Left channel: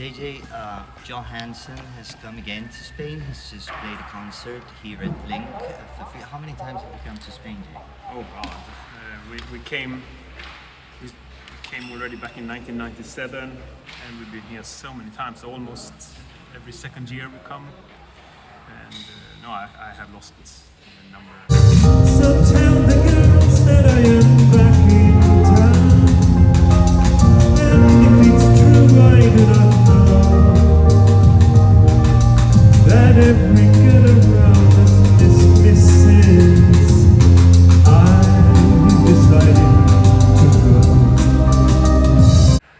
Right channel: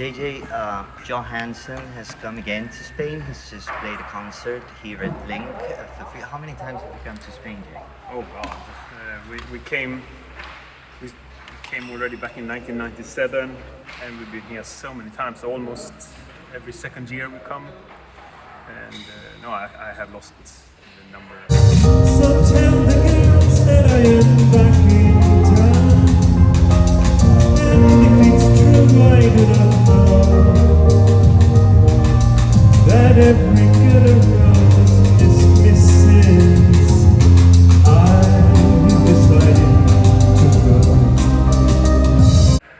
JJ, Johansson has come again to Spain. He's just played a concert here at Link. How many times have you come to Spain, Jay? Oh God, we came already back in 1997, and we've been here so many times. Almost every second year we come, and no, I have lost the number. So tell the girls that I am back in town, and if it's true I do not know that every girl around us dismisses. I'm deciding to go.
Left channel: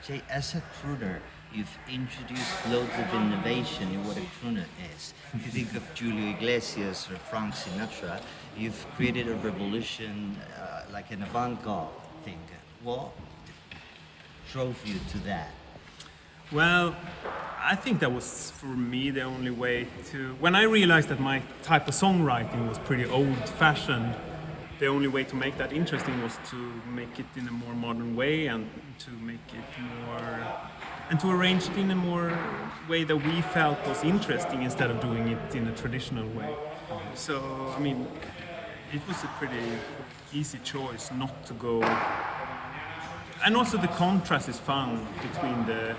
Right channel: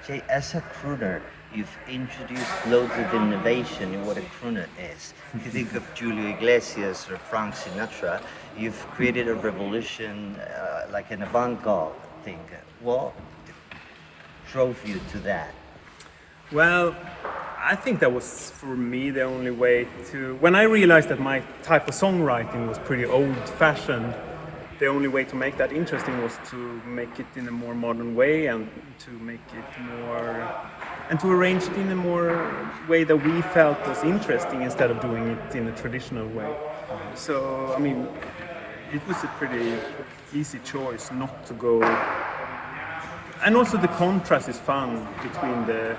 Jay, as a crooner, you've introduced loads of innovation in what a crooner is. If you think of Julio Iglesias or Frank Sinatra, you've created a revolution, like an avant-garde thing. What drove you to that? Well, I think that was for me the only way to. When I realized that my type of songwriting was pretty old-fashioned, the only way to make that interesting was to make it in a more modern way and to make it more. And to arrange it in a more way that we felt was interesting instead of doing it in a traditional way. So, I mean, it was a pretty easy choice not to go. And also the contrast is fun between the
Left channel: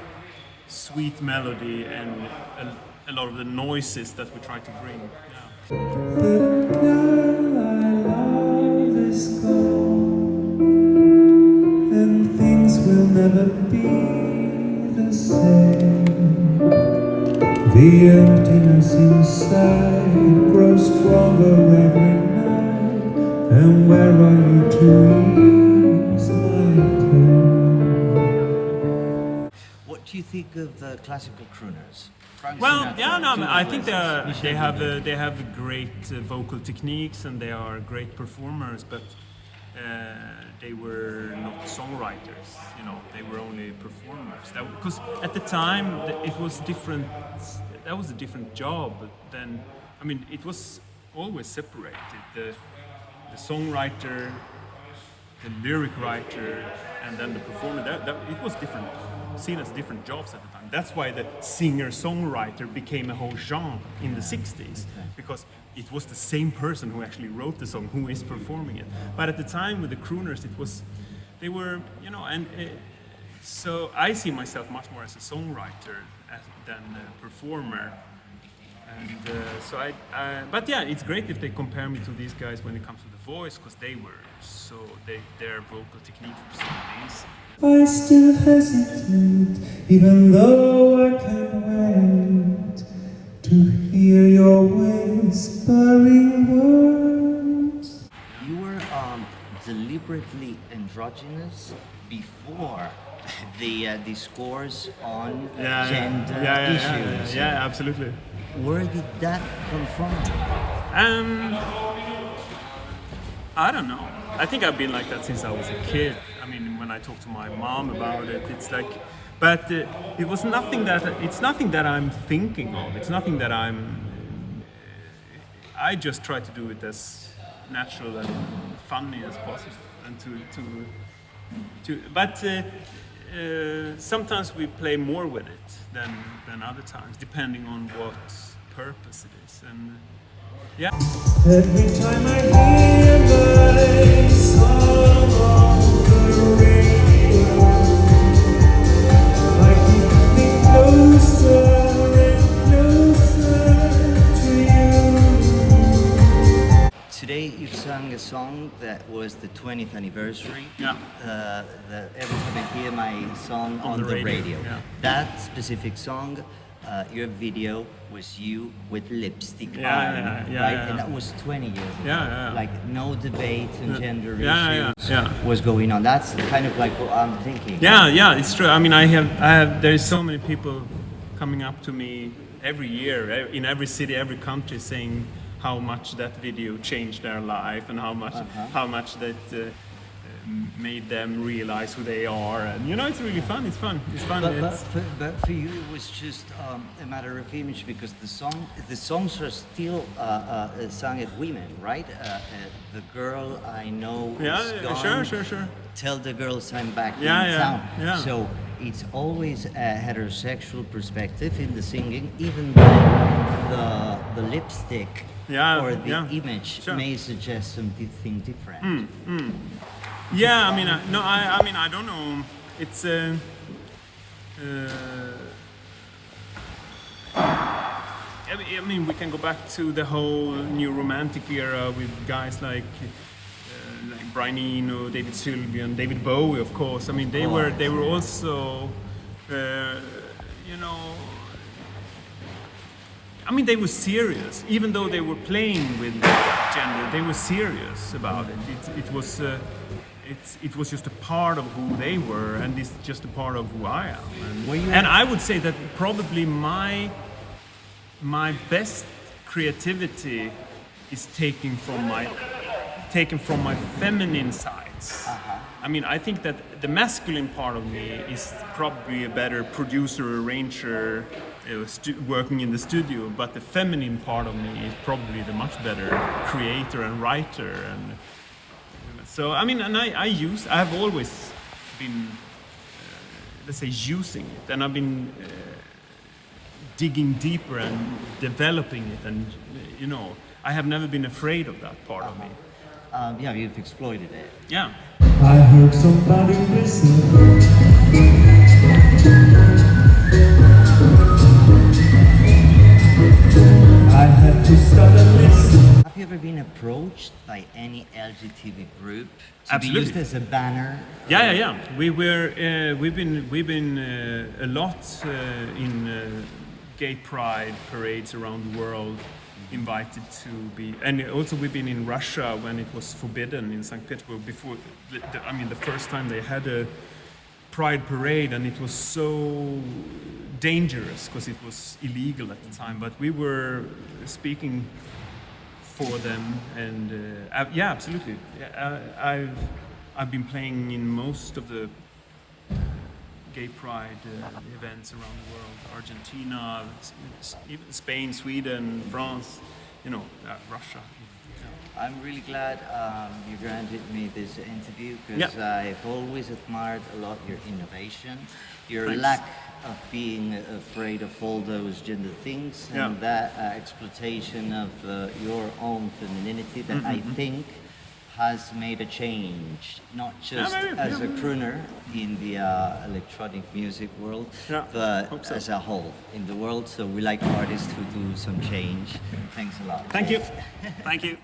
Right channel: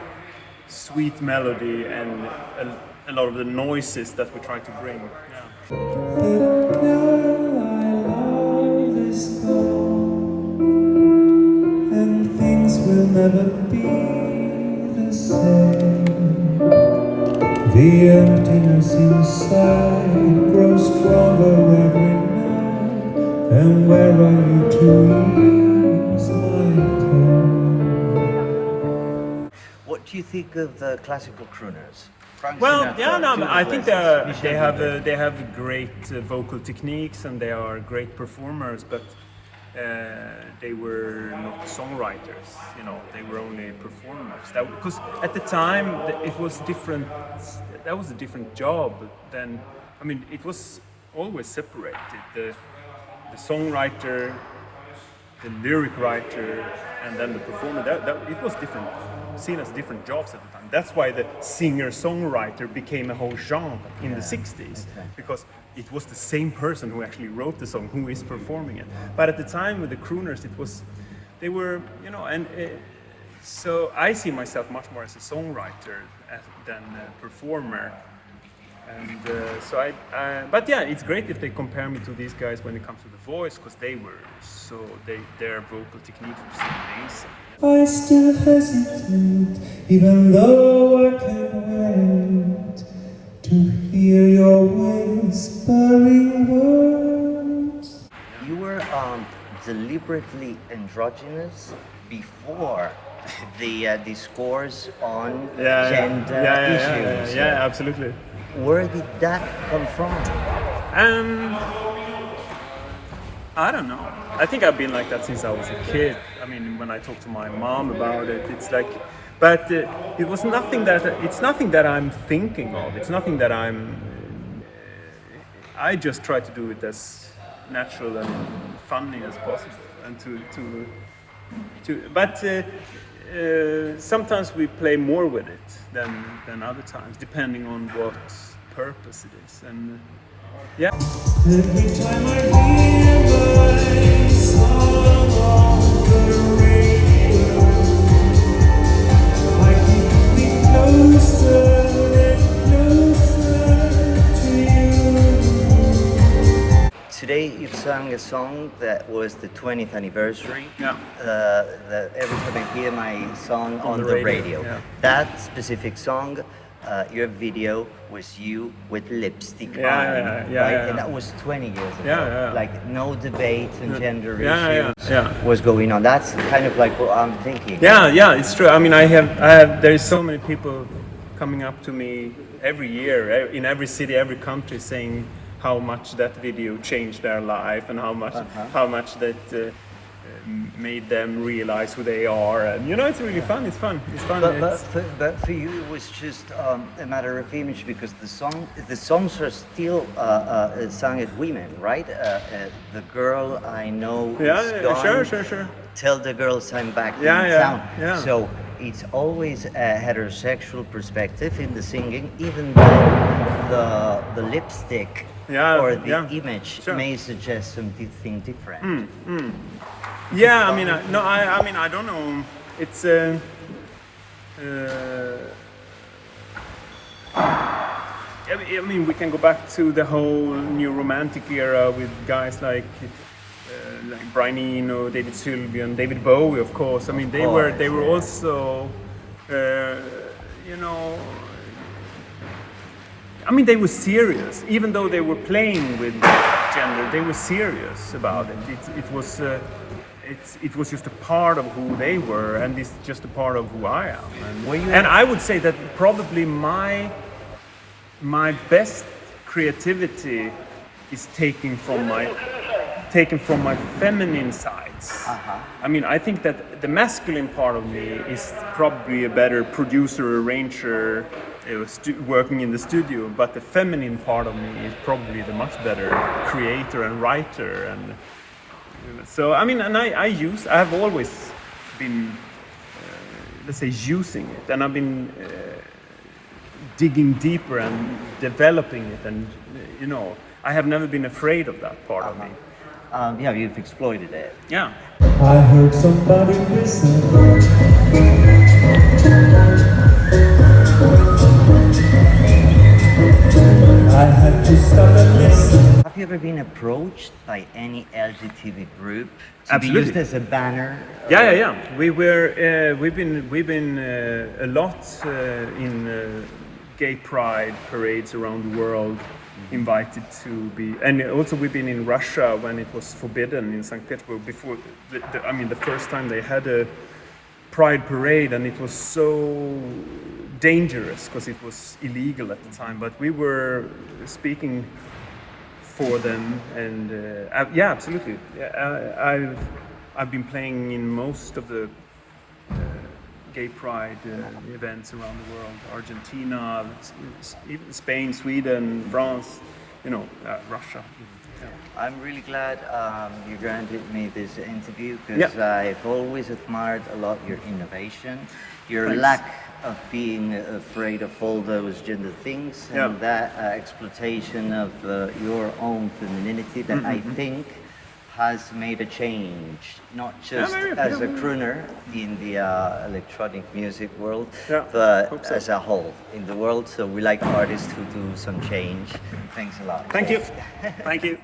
sweet melody and a lot of the noises that we try to bring. Yeah. The girl I love is gone, and things will never be the same. The emptiness inside grows stronger every night. And where are you to ease my pain? What do you think of classical crooners? Frank Well, Sinatra, yeah, no, Julio I think Iglesias, they have great vocal techniques and they are great performers, but they were not songwriters. You know, they were only performers. Because at the time it was different. That was a different job. Then, I mean, it was always separated. The songwriter, the lyric writer, and then the performer. It was different, seen as different jobs at the time. That's why the singer-songwriter became a whole genre in the 60s, because it was the same person who actually wrote the song who is performing it. But at the time with the crooners, they were, you know, and so I see myself much more as a songwriter than a performer. And but yeah, it's great if they compare me to these guys when it comes to the voice, because their vocal technique was so amazing. I still hesitate, even though I can't wait to hear your whispering words. You were deliberately androgynous before the discourse on gender issues. Yeah, absolutely. Where did that come from? I don't know. I think I've been like that since I was a kid. I mean, when I talk to my mom about it, it's like, but it was nothing that. It's nothing that I'm thinking of. It's nothing that I just try to do it as natural and funny as possible, and But sometimes we play more with it than other times, depending on what purpose it is. And yeah. Every time I hear my song on the radio, I keep getting closer and closer to you. Today you've sung a song that was the 20th anniversary. Yeah. Every time I hear my song on the the radio. yeah. That specific song, your video was you with lipstick on, right? Yeah. And that was 20 years ago. Yeah. Like no debate on gender Yeah. issues was going on. That's kind of like what I'm thinking. Yeah, it's true. I mean, there is so many people coming up to me every year in every city, every country, saying how much that video changed their life and how much that made them realize who they are. And you know, it's really fun. It's fun. But for you, it was just a matter of image, because the songs are still sung at women, right? The girl I know is gone. Sure. Tell the girls I'm back in Yeah. town. So it's always a heterosexual perspective in the singing, even though the lipstick Yeah, or the yeah, image sure. may suggest something different. Yeah, I mean, I mean, I don't know. It's I mean, we can go back to the whole new romantic era with guys like Brian Eno, David Sylvian, David Bowie, of course. I mean, they were Yeah. also, you know, I mean, they were serious, even though they were playing with gender. They were serious about it. It was just a part of who they were, and it's just a part of who I am. Were you And I would say that probably my best creativity is taken from my feminine sides. I mean, I think that the masculine part of me is probably a better producer, arranger, working in the studio, but the feminine part of me is probably the much better creator and writer. And so, I mean, and I've always been, let's say, using it, and I've been digging deeper and developing it, and you know, I have never been afraid of that part of me. Yeah, you've exploited it. Yeah. I heard somebody listen. I had to stop and listen. Have you ever been approached by any LGBT group to Absolutely. be used as a banner? Yeah. We've been a lot in gay pride parades around the world, invited to be, and also we've been in Russia when it was forbidden in St. Petersburg before. I mean, the first time they had a pride parade, and it was so dangerous because it was illegal at the time. But we were speaking for them, and yeah, absolutely. I've been playing in most of the gay pride events around the world: Argentina, even Spain, Sweden, France, you know, Russia. Yeah. I'm really glad you granted me this interview because I've always admired a lot your innovation, your Thanks. lack of being afraid of all those gender things, and that exploitation of your own femininity that I think has made a change, not just as a crooner in the electronic music world, but hope so. as a whole in the world. So we like artists who do some change. Thanks a lot. Thank you. Thank you.